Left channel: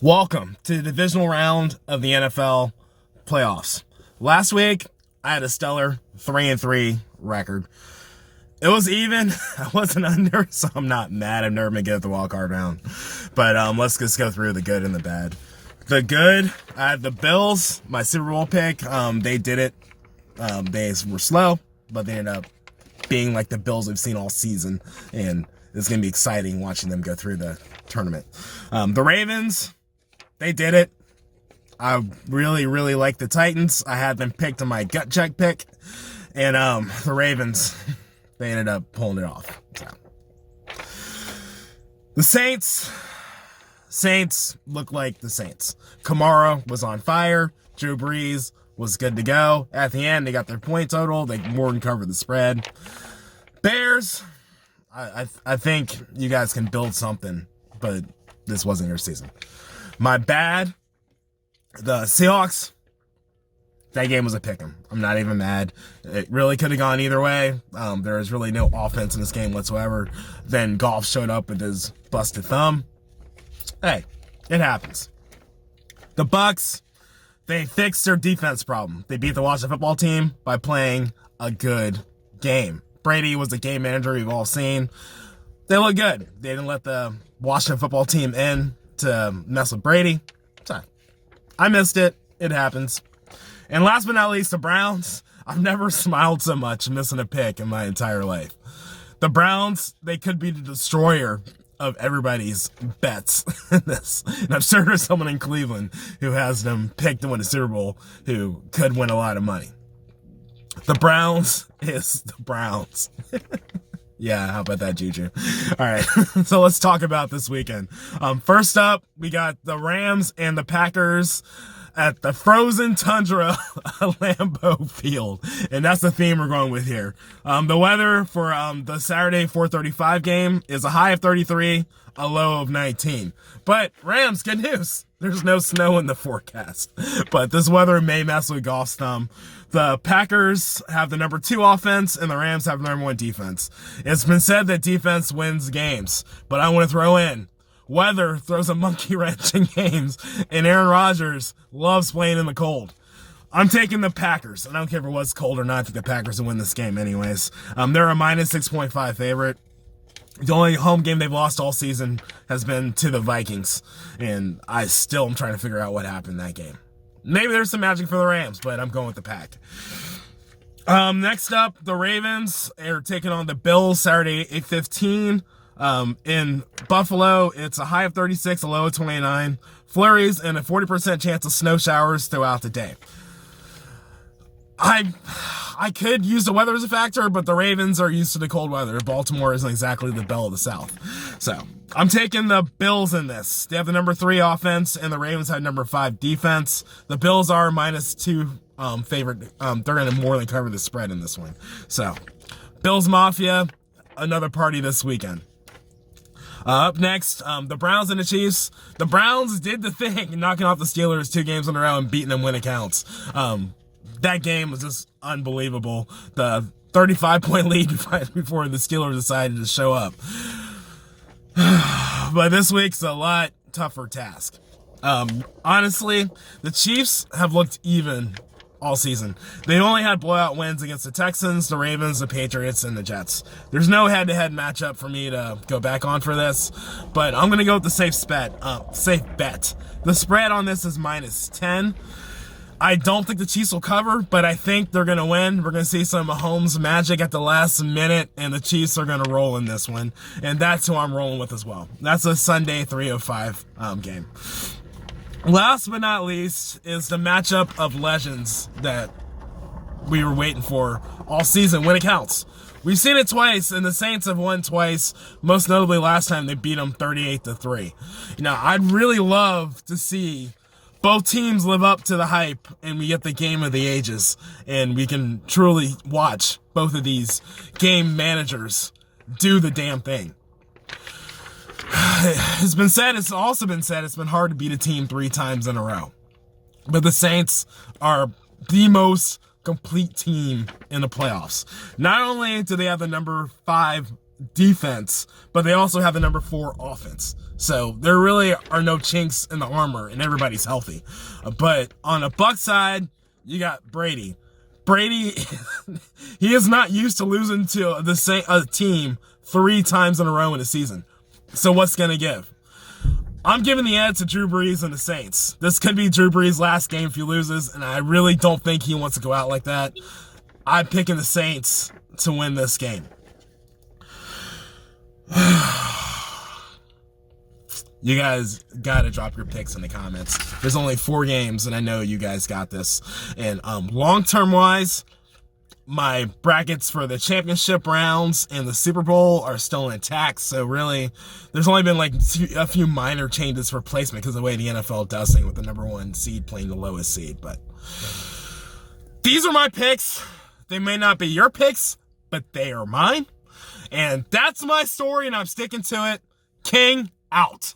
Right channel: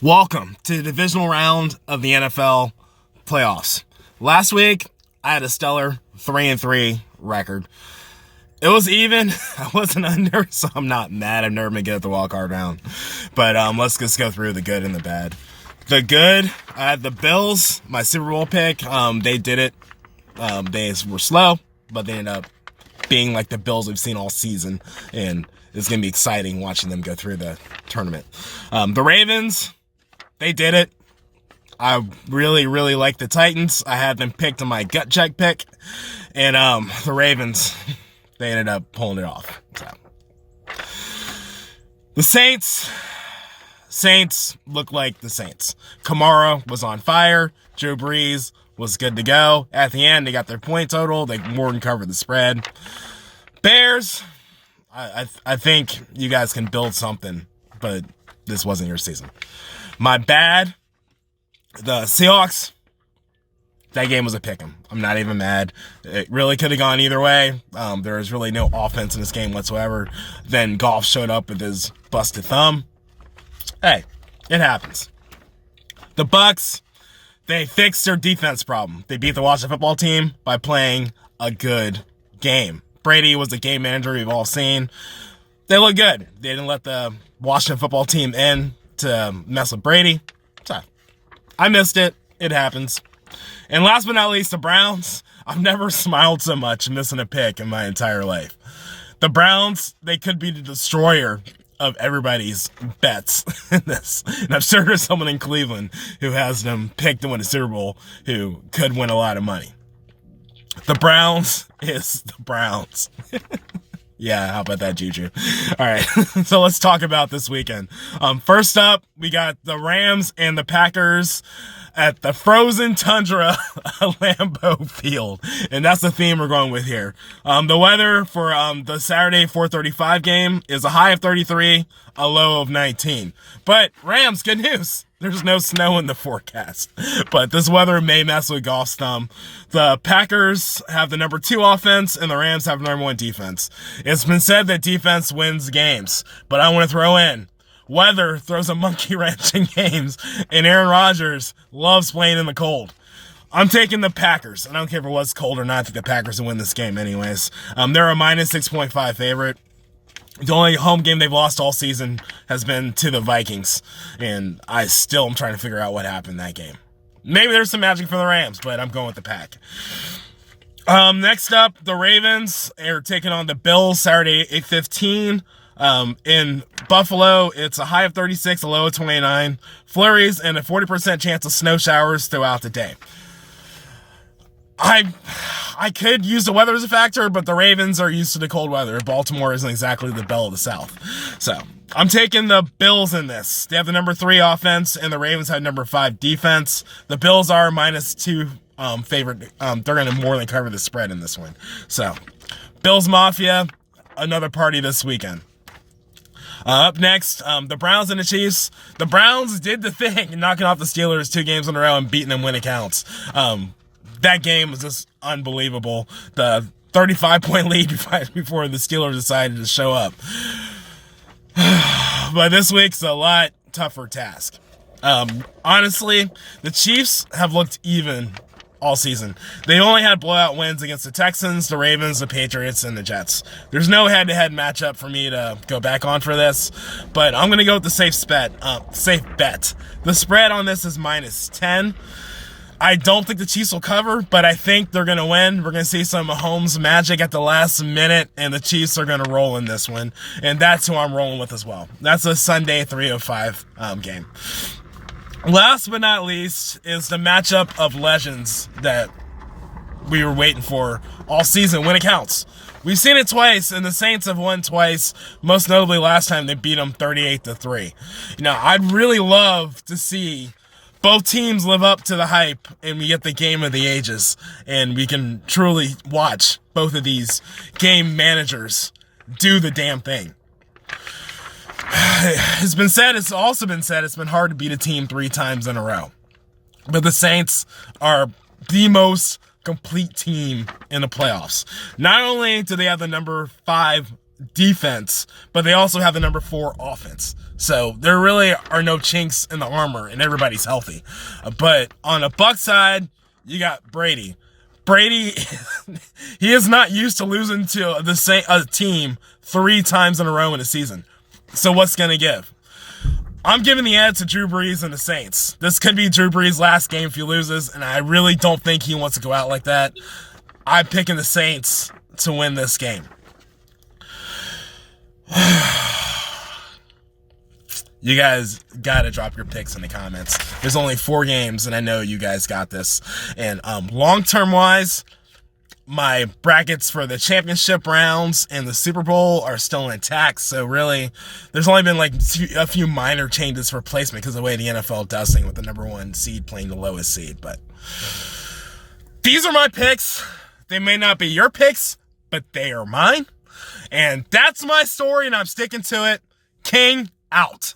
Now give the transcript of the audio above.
Welcome to the divisional round of the NFL playoffs. Last week, I had a stellar 3-3 record. It was even. I wasn't under, so I'm not mad. I've never been good at the wild card round. But let's just go through the good and the bad. The good, I had the Bills, my Super Bowl pick. They did it. They were slow, but they ended up being like the Bills we've seen all season. And it's going to be exciting watching them go through the tournament. The Ravens, they did it. I really like the Titans. I had them picked in my gut check pick. And the Ravens, they ended up pulling it off. So. The Saints look like the Saints. Kamara was on fire. Drew Brees was good to go. At the end, they got their point total. They more than covered the spread. Bears, I think you guys can build something, but this wasn't your season. My bad, the Seahawks, that game was a pick'em. I'm not even mad. It really could have gone either way. There was really no offense in this game whatsoever. Then Goff showed up with his busted thumb. Hey, it happens. The Bucks, they fixed their defense problem. They beat the Washington football team by playing a good game. Brady was the game manager we've all seen. They look good. They didn't let the Washington football team in to mess with Brady. So, I missed it. It happens. And last but not least, the Browns. I've never smiled so much missing a pick in my entire life. The Browns, they could be the destroyer of everybody's bets in this. And I'm sure there's someone in Cleveland who has them picked to win a Super Bowl who could win a lot of money. The Browns is the Browns. Yeah, how about that, Juju? All right, so let's talk about this weekend. First up, we got the Rams and the Packers at the frozen tundra of Lambeau Field. And that's the theme we're going with here. The weather for the Saturday 4:35 game is a high of 33, a low of 19. But Rams, good news. There's no snow in the forecast. But this weather may mess with Goff's thumb. The Packers have the number 2 offense, and the Rams have number 1 defense. It's been said that defense wins games. But I want to throw in, weather throws a monkey wrench in games, and Aaron Rodgers loves playing in the cold. I'm taking the Packers. I don't care if it was cold or not. I think the Packers will win this game anyways. They're a minus 6.5 favorite. The only home game they've lost all season has been to the Vikings, and I still am trying to figure out what happened in that game. Maybe there's some magic for the Rams, but I'm going with the Pack. Next up, the Ravens are taking on the Bills Saturday 8:15. In Buffalo, it's a high of 36, a low of 29. Flurries and a 40% chance of snow showers throughout the day. I could use the weather as a factor, but the Ravens are used to the cold weather. Baltimore isn't exactly the belle of the South. So, I'm taking the Bills in this. They have the number 3 offense, and the Ravens have number 5 defense. The Bills are minus 2 favorite. They're going to more than cover the spread in this one. So, Bills Mafia, another party this weekend. Up next, the Browns and the Chiefs. The Browns did the thing, knocking off the Steelers 2 games in a row and beating them when it counts. That game was just unbelievable. The 35-point lead before the Steelers decided to show up. But this week's a lot tougher task. Honestly, the Chiefs have looked even all season. They only had blowout wins against the Texans, the Ravens, the Patriots, and the Jets. There's no head-to-head matchup for me to go back on for this, but I'm going to go with the safe bet. The spread on this is minus 10. I don't think the Chiefs will cover, but I think they're going to win. We're going to see some Mahomes magic at the last minute, and the Chiefs are going to roll in this one, and that's who I'm rolling with as well. That's a Sunday 3:05 game. Last but not least is the matchup of legends that we were waiting for all season when it counts. We've seen it twice, and the Saints have won twice, most notably last time they beat them 38-3. I'd really love to see both teams live up to the hype, and we get the game of the ages, and we can truly watch both of these game managers do the damn thing. It's also been said it's been hard to beat a team 3 times in a row. But the Saints are the most complete team in the playoffs. Not only do they have the number 5 defense, but they also have the number 4 offense. So there really are no chinks in the armor, and everybody's healthy. But on a Buck side, you got Brady. Brady, he is not used to losing to the same team 3 times in a row in a season. So what's gonna give? I'm giving the edge to Drew Brees and the Saints. This could be Drew Brees' last game if he loses, and I really don't think he wants to go out like that. I'm picking the Saints to win this game. You guys gotta drop your picks in the comments. There's only 4 games, and I know you guys got this. And long-term wise, my brackets for the championship rounds and the Super Bowl are still intact. So really, there's only been like a few minor changes for placement because of the way the NFL does things with the number 1 seed playing the lowest seed. But these are my picks. They may not be your picks, but they are mine. And that's my story, and I'm sticking to it. King out.